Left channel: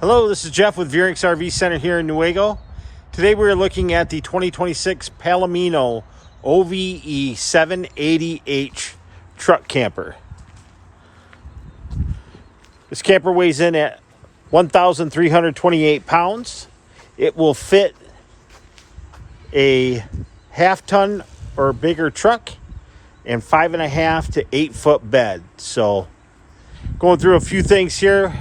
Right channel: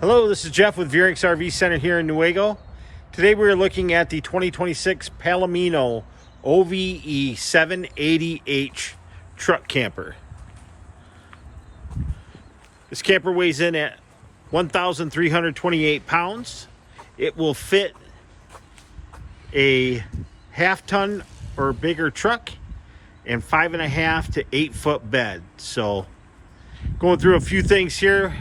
Hello, this is Jeff with Veurink's RV Center here in Newaygo. Today we're looking at the 2026 Palomino OVE 780H truck camper. This camper weighs in at 1,328 pounds. It will fit a half-ton or bigger truck and 5.5 to 8 foot bed. So going through a few things here.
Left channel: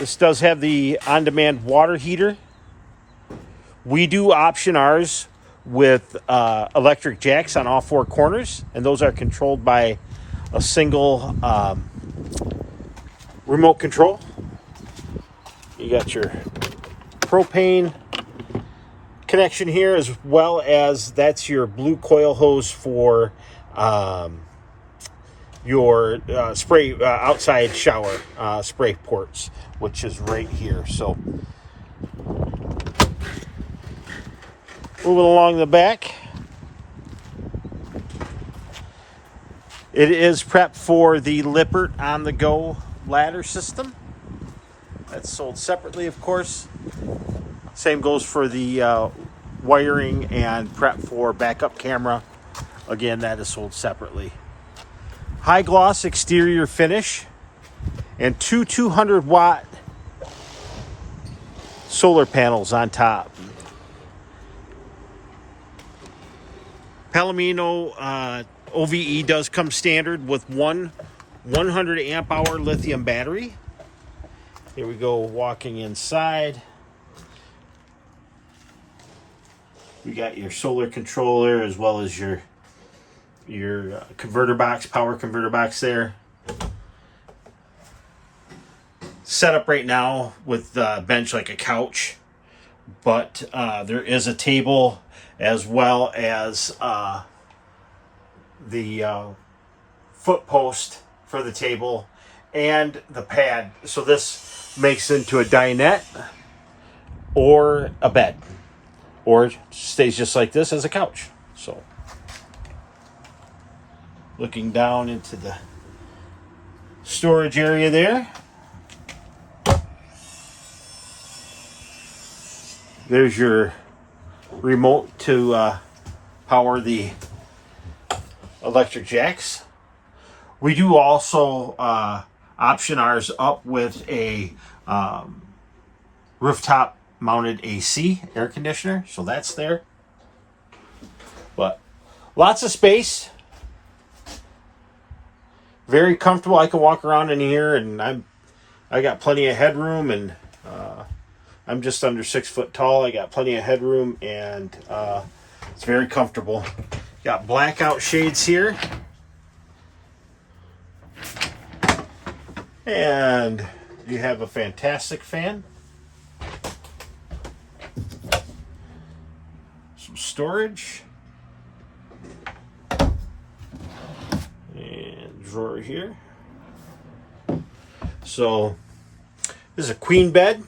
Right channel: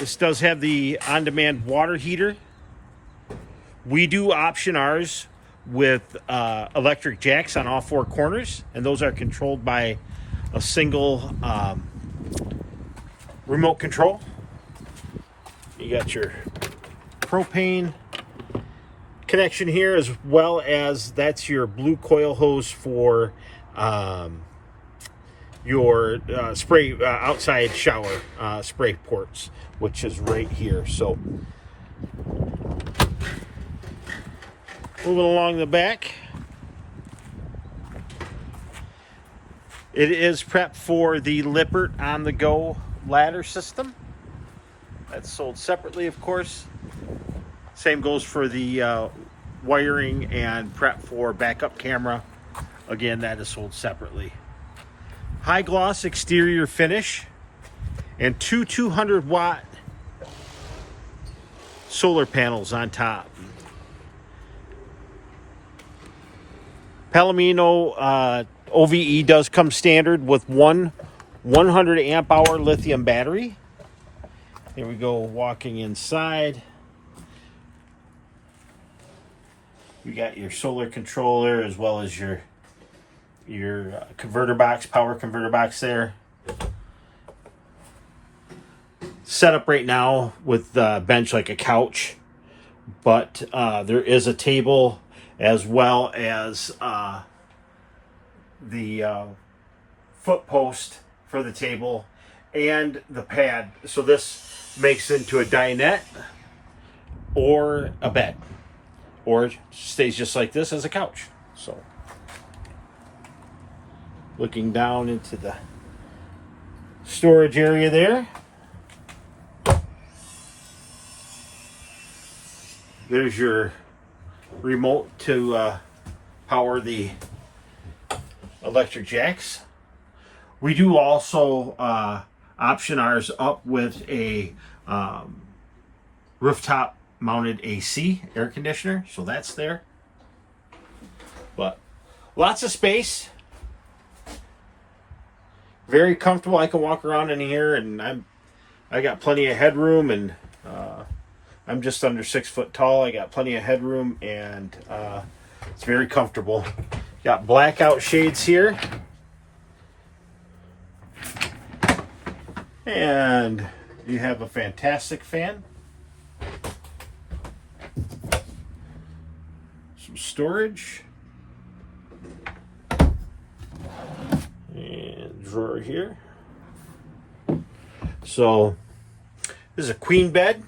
This does have the on-demand water heater. We do option ours with electric jacks on all four corners, and those are controlled by a single remote control. You got your propane connection here, as well as that's your blue coil hose for your spray outside shower spray ports, which is right here. So moving along the back, it is prepped for the Lippert on the go ladder system. That's sold separately, of course. Same goes for the wiring and prep for backup camera. Again, that is sold separately. High gloss exterior finish and two 200 watt solar panels on top. Palomino OVE does come standard with one 100 amp hour lithium battery. Here we go, walking inside. You got your solar controller as well as your converter box, power converter box there. Set up right now with the bench like a couch, but there is a table as well as the foot post for the table and the pad. So this makes into a dinette or a bed, or stays just like this as a couch. So looking down into the storage area there. There's your remote to power the electric jacks. We do also option ours up with a rooftop mounted AC air conditioner, so that's there. But lots of space, very comfortable. I can walk around in here, and I got plenty of headroom, and I'm just under 6 foot tall. I got plenty of headroom, and it's very comfortable. Got blackout shades here, and you have a fantastic fan. Some storage, and drawer here. So this is a queen bed.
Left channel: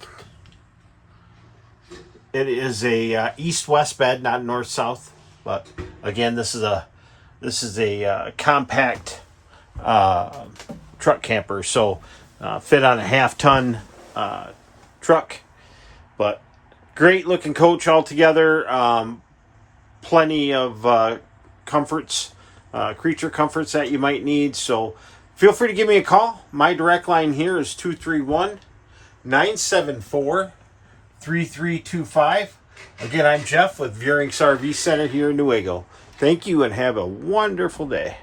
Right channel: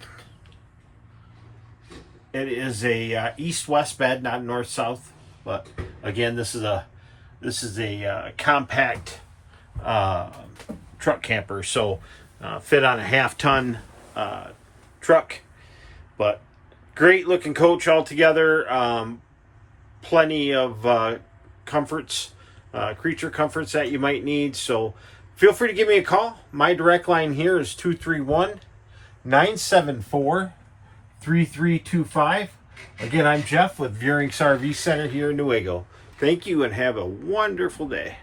It is a east-west bed, not north-south. But again, this is a compact truck camper. So fit on a half-ton truck. But great looking coach altogether. Plenty of comforts, creature comforts that you might need. So feel free to give me a call. My direct line here is 231-974-3325. Again, I'm Jeff with Veurink's RV Center here in Newaygo. Thank you and have a wonderful day.